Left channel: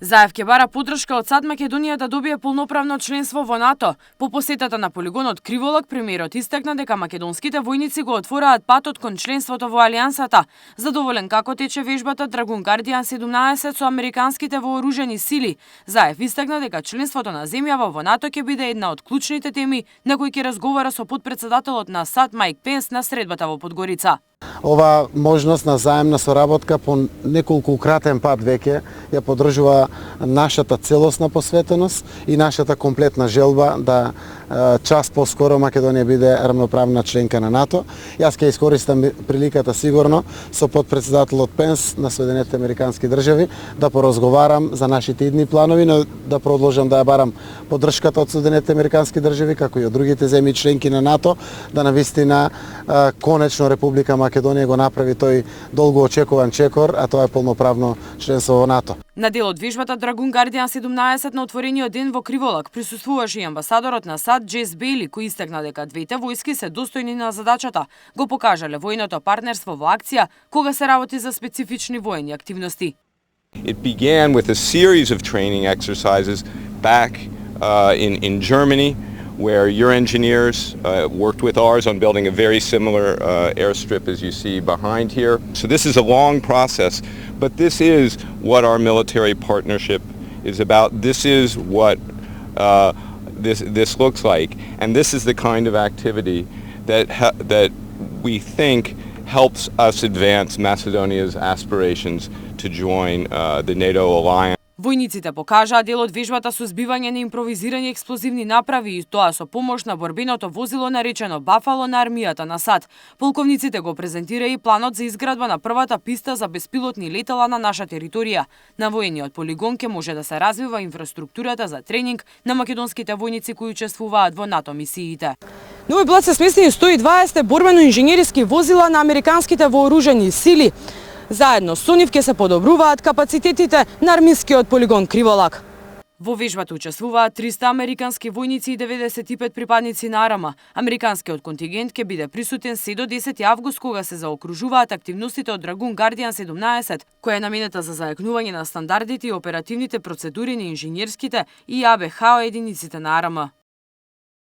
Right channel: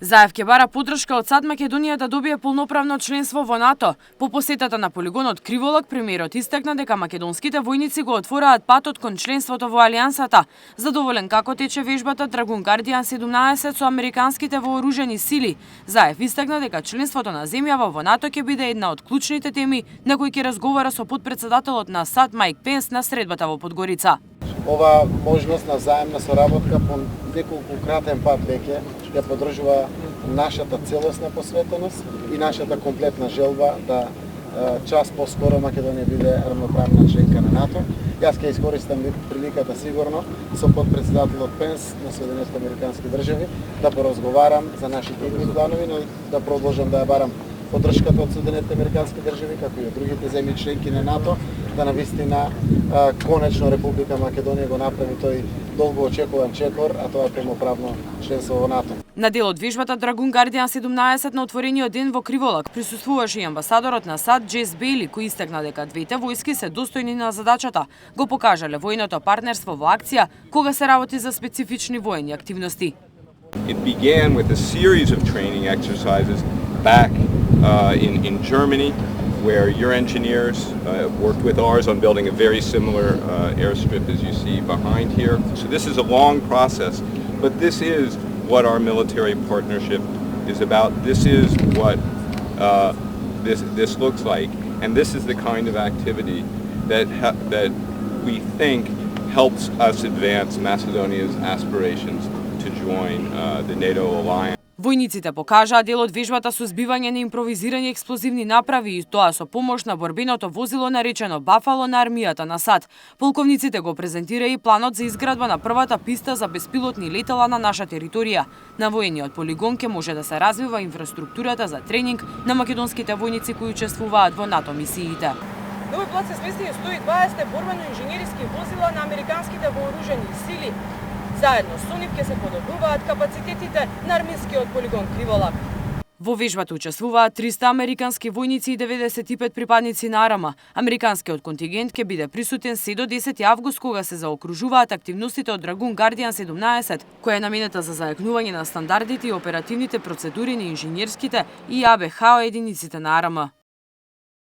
Заев ќе бара поддршка од САД Македонија да добие полноправно членство во НАТО. По посетата на полигонот Криволак, премиерот истакна дека македонските војници го отвораат патот кон членството во Алијансата. Задоволен како тече вежбата Драгун Гардијан 17 со американските вооружени сили, Заев истакна дека членството на земјава во НАТО ќе биде една од клучните теми на кои ќе разговара со потпредседателот на САД Мајк Пенс на средбата во Подгорица. Ова можност на заемна соработка по неколкукратен пат веќе ја поддржува нашата целосна посветеност и нашата комплетна желба да час поскоро Македонија биде рамноправна членка на НАТО. Јас ќе искористам приликата сигурно со потпредседателот Пенс на Соединетите Американски држави да поразговарам за нашите идни планови, но да продолжам да ја барам поддршката од Соединетите Американски држави, како и од другите земји членки на НАТО, да навистина конечно Република Македонија го направи тој долго очекуван чекор, а тоа е полноправно членство во НАТО. На дел од вежбата Драгун Гардијан 17 на отворениот ден во Криволак присуствуваше и амбасадорот на САД Джес Бейли, кој истакна дека двете војски се достојни на задачата. Го покажале војното партнерство во акција кога се работи за специфични воени активности. It began with a series of training exercises back in Germany, where your engineers worked with ours on building a very similar airstrip as you see behind here. So this is a long process, but this is what our military partnership is about. This is what this looks like, and this is the kind of activity that we think helps us advance Macedonia's aspirations to join the NATO alliance. Војниците покажаа дел од вежбата со збивање на импровизирани експлозивни направи и тоа со помош на борбеното возило наречено Бафало на армијата на САД. Полковниците го презентираа и планот за изградба на првата писта за беспилотни летала на наша територија. На воениот полигон ќе може да се развива инфраструктурата за тренинг на македонските војници кои учествуваат во НАТО мисиите. На овој блат се сместени 120 борбено-инженериски возила на американските вооружени сили. Заедно со нив ќе се подобруваат капацитетите на армискиот полигон Криволак. Во вежбата учествуваат 300 американски војници и 95 припадници на АРМА. Американскиот контингент ќе биде присутен се до 10 август, кога се заокружуваат активностите од Драгун Гардијан 17, која е наменета за зајакнување на стандардите и оперативните процедури на инженерските и АБХ единиците на АРМА.